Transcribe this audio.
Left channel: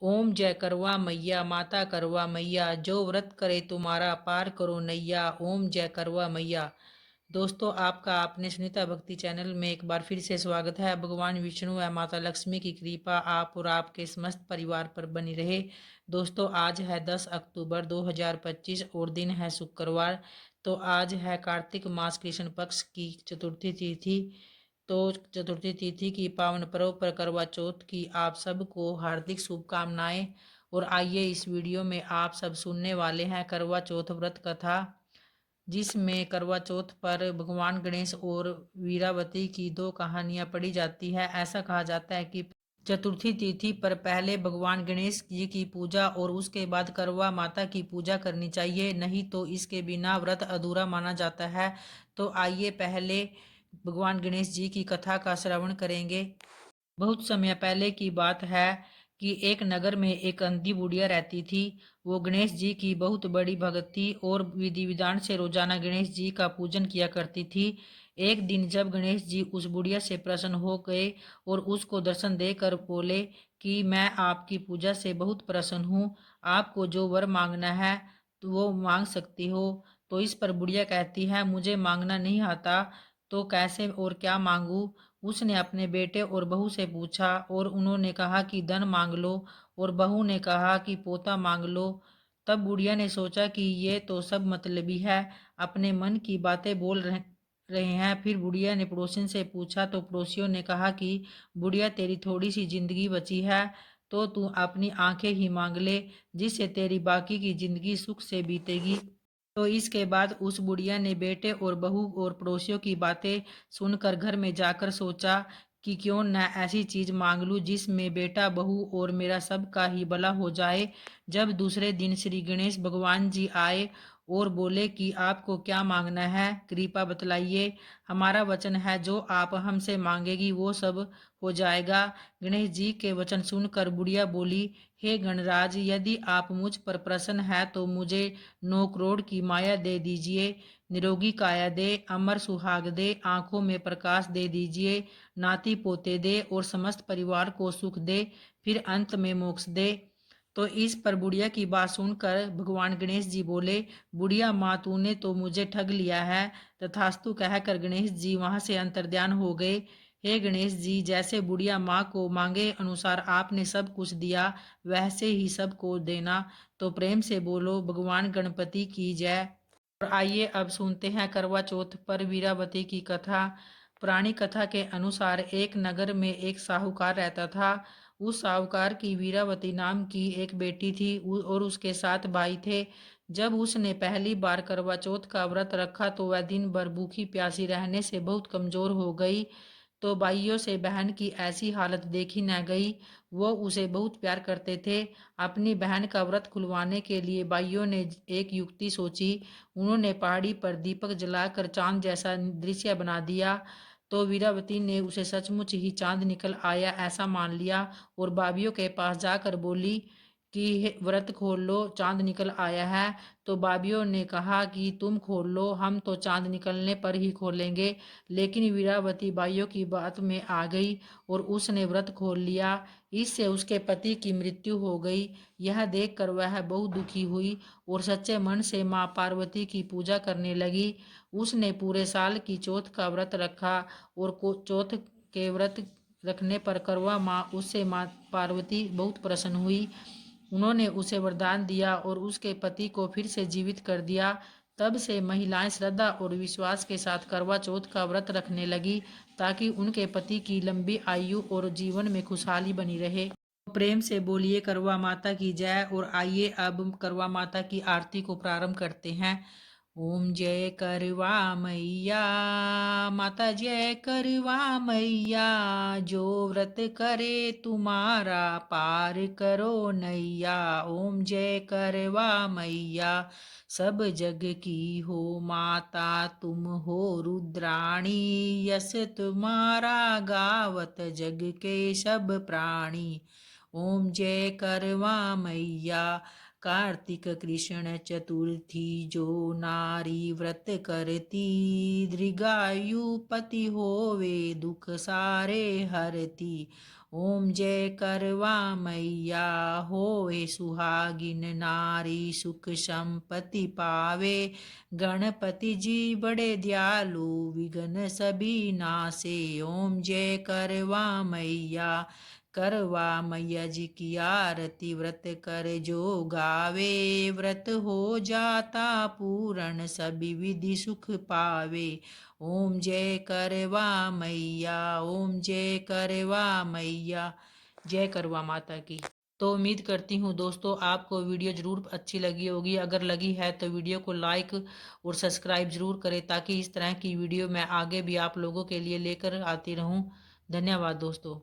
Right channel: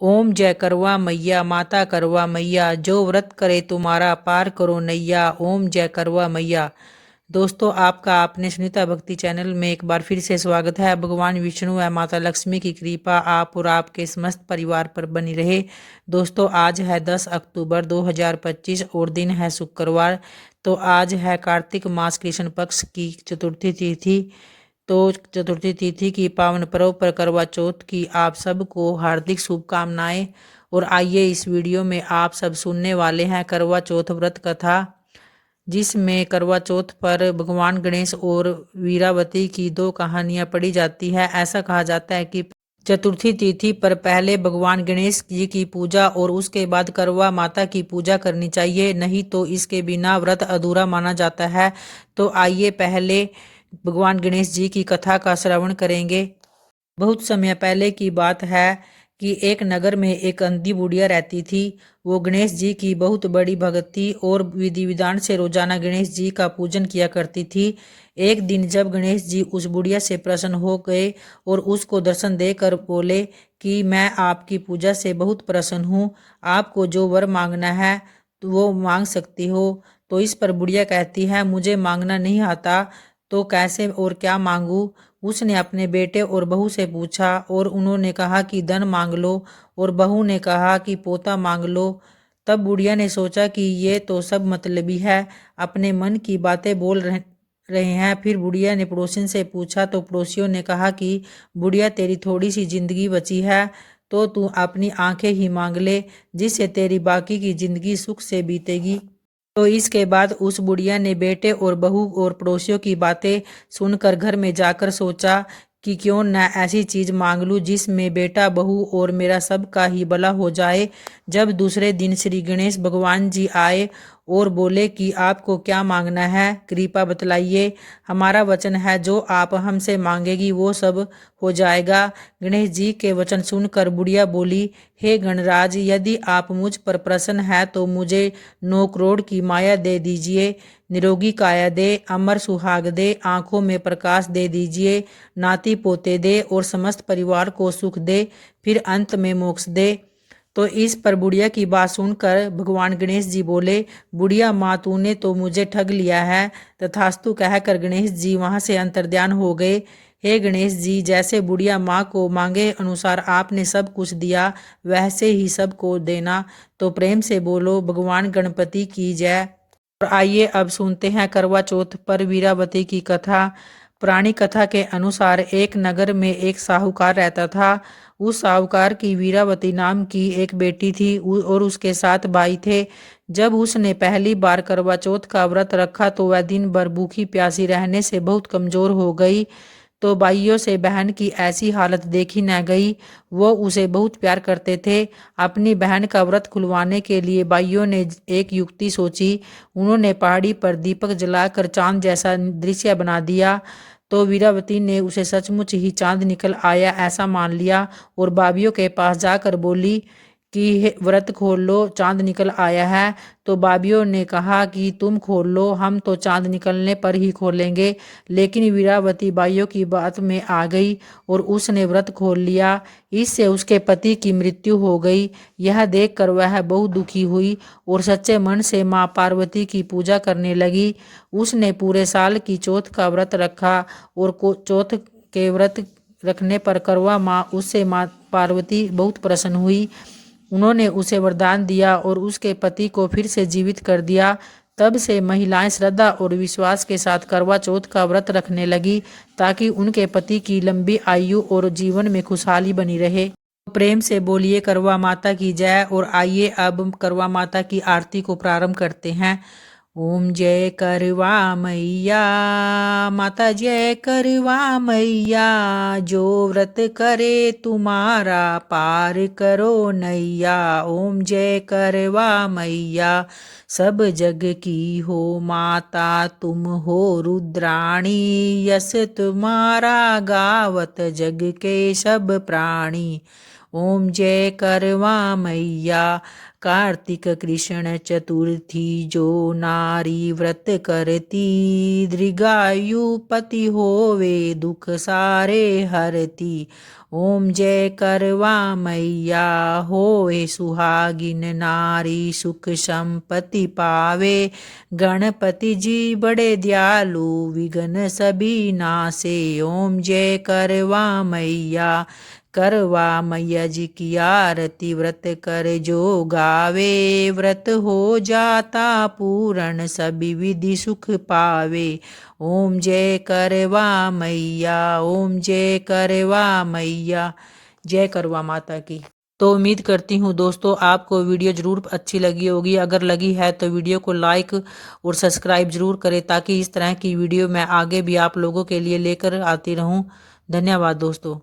ओम जय करवा मैया माता करवा मैया, जो व्रत करे तुम्हारा पार करो नैया। ओम जय करवा मैया। दोस्तों, आपका आपने सुनीता भक्ति चैनल में एक बार फिर से स्वागत है। भगवान विष्णु व माता लक्ष्मी की कृपा आप और आपके समस्त परिवार पर बनी रहे। दोस्तों, आज है 10 अक्टूबर 2025 और दिन है शुक्रवार। तो आज है कार्तिक मास कृष्ण पक्ष की चतुर्थी तिथि। तो चतुर्थी तिथि की पावन पर्व पर करवा चौथ की आप सबको हार्दिक शुभकामनाएं। और आइए इस वीडियो में आप सब सुनने वाले हैं करवा चौथ व्रत कथा, जिसमें करवा चौथ पर भगवान गणेश और वीरावती की दो कहानियां पढ़ी जाती है। ऐसा कहा जाता है कि चतुर्थी तिथि पर पहले भगवान गणेश जी की पूजा और उसके बाद करवा माता की पूजा करनी चाहिए, नहीं तो इसके बिना व्रत अधूरा माना जाता है। तो आइए पहले भगवान गणेश जी की कथा का श्रवण करेंगे। बहुत समय पहले की बात है कि एक नगर में एक अंधी बुढ़िया रहती थी। वो गणेश जी की बहुत बड़ी भक्त थी और विधि विधान से रोजाना गणेश जी का पूजन किया करती थी। एक दिन जब गणेश जी उस बुढ़िया से प्रसन्न हो गए और उसको दर्शन देकर बोले कि मैं आपकी पूजा से बहुत प्रसन्न हूँ, आपको जो वर मांगना है तो वो मांग सकती हो। तो इस पर बुढ़िया कहती है, मुझे मांगना नहीं आता, तो कैसे और क्या मांगू। उसने अपने बेटे और बहू से पूछा और उन्होंने कहा कि धन मांग लो, और बहू ने कहा कि पोता मांग लो। तब बुढ़िया ने सोचा कि ये तो सब मतलबी है, अपने मन की बातें बोल रहे हैं। फिर बुढ़िया ने पड़ोसिन से पूछा तो पड़ोसियों ने कहा कि बुढ़िया, तेरी थोड़ी सी जिंदगी बची है, तो तू अपनी आंखें ही मांग ले, जिससे तेरी बाकी की जिंदगी सुख से बीतेगी। तो इसके बाद उस बुढ़िया ने बेटे और बहू और पड़ोसियों की बातें सुनकर घर में जाकर सोचा कि क्यों न ऐसी चीज मांग लूं जिसमें बेटा बहू और मेरा सबका ही भला हो जाए। जब दूसरे दिन श्री गणेश भगवान जी आए और बोले कि आपको क्या मांगना है, कृपा बतलाइए, हमारा वचन है जो आप हमसे मांगेगी वो सब हो जाएगा। गणेश जी के वचन सुनकर बुढ़िया बोली, हे गणराज, यदि आप मुझ पर प्रसन्न है तो मुझे 9 करोड़ की माया दे दीजिए, निरोगी काया दे, अमर सुहाग दे, आंखों में प्रकाश दे दीजिए, नाती पोते दे और समस्त परिवार को सुख दे, फिर अंत में मोक्ष दे। तो इस पर बुढ़िया की बात सुनकर भगवान गणेश जी बोले, बुढ़िया माँ, तूने तो मुझे ठग लिया है। तथास्तु कहकर गणेश जी वहां से अंतर्ध्यान हो गए। हे गणेश जी, जैसे बुढ़िया माँ को मांगे अनुसार आपने सब कुछ दिया, वैसे ही सबको देना। तो प्रेम से बोलो भगवान गणपति की जय। और आइए अब सुनते हैं करवा चौथ पर वीरावती की कथा। पुरानी कथा के अनुसार एक नगर में एक साहूकार रहता था। उस साहूकार की वीरावती नाम की एक बेटी थी और उसके 7 भाई थे। जब उसने पहली बार करवा चौथ का व्रत रखा तो वह दिन भर भूखी प्यासी रहने से बहुत कमजोर हो गई। तो भाइयों से बहन की ऐसी हालत देखी न गई। वो उसे बहुत प्यार करते थे। अपनी बहन का व्रत खुलवाने के लिए भाइयों ने एक युक्ति सोची। उन्होंने पहाड़ी पर दीपक जलाकर चांद जैसा दृश्य बना दिया। तो वीरावती ने उसे सचमुच ही चांद निकल आया ऐसा मान लिया और भाभीियों के पास जाकर बोली कि व्रत खोल लो, चांद निकल आया है। तो भाभीियों ने कहा कि तुम खोल लो, हम तो चांद निकलने पर ही खोलेंगे। लेकिन वीरावती भाइयों की बात में आ गई और उसने व्रत खोल लिया। इससे उसके पति की मृत्यु हो गई। यह देखकर वह बहुत दुखी हुई और सच्चे मन से माँ पार्वती की पूजा करने लगी। उसने पूरे साल की चौथ का व्रत रखा और चौथ के व्रत रखने पर करवा माँ उससे माँ पार्वती बहुत प्रसन्न हुई। उन्होंने उसे वरदान दिया और उसके पति को फिर से जीवित कर दिया। तब से महिलाएं श्रद्धा और विश्वास के साथ करवा चौथ का व्रत रखने लगी, ताकि उनके पति की लंबी आयु और जीवन में खुशहाली बनी रहे। प्रेम से बोलिए करवा माता की जय। और आइए अब करवा माता की आरती को प्रारंभ करते हैं। ओम जय करवा मैया माता, जय करवा मैया, जो व्रत करे तुम्हारा पार करो नैया। ओम जय करवा मैया, सब जग की हो माता, तुम हो रुद्राणी, यस तुम्हारा गावत जग के सब प्राणी। ओम जय करवा मैया, कार्तिक कृष्ण चतुर्थी, जो नारी व्रत करती, दीर्घायु पति होवे, दुख सारे हरती। ओम जय करवा मैया होए सुहागिन नारी सुख संपत्ति पावे। गणपति जी बड़े दयालु विघ्न सभी नासे। ओम जय करवा मैया करवा मैया जी की आरती व्रत कर जो गावे। व्रत हो जाता पूर्ण सभी विधि सुख पावे। ओम जय करवा मैया ओम जय करवा मैया। जय करवा माता की। तो उम्मीद करती हूँ दोस्तों आपको वीडियो ज़रूर अच्छी लगी होगी। अगर लगी है तो वीडियो को लाइक और सब्सक्राइब ज़रूर करें ताकि इस तरह की वीडियो मैं आगे भी आप लोगों के लिए लेकर आती रहूँ। धन्यवाद दोस्तों।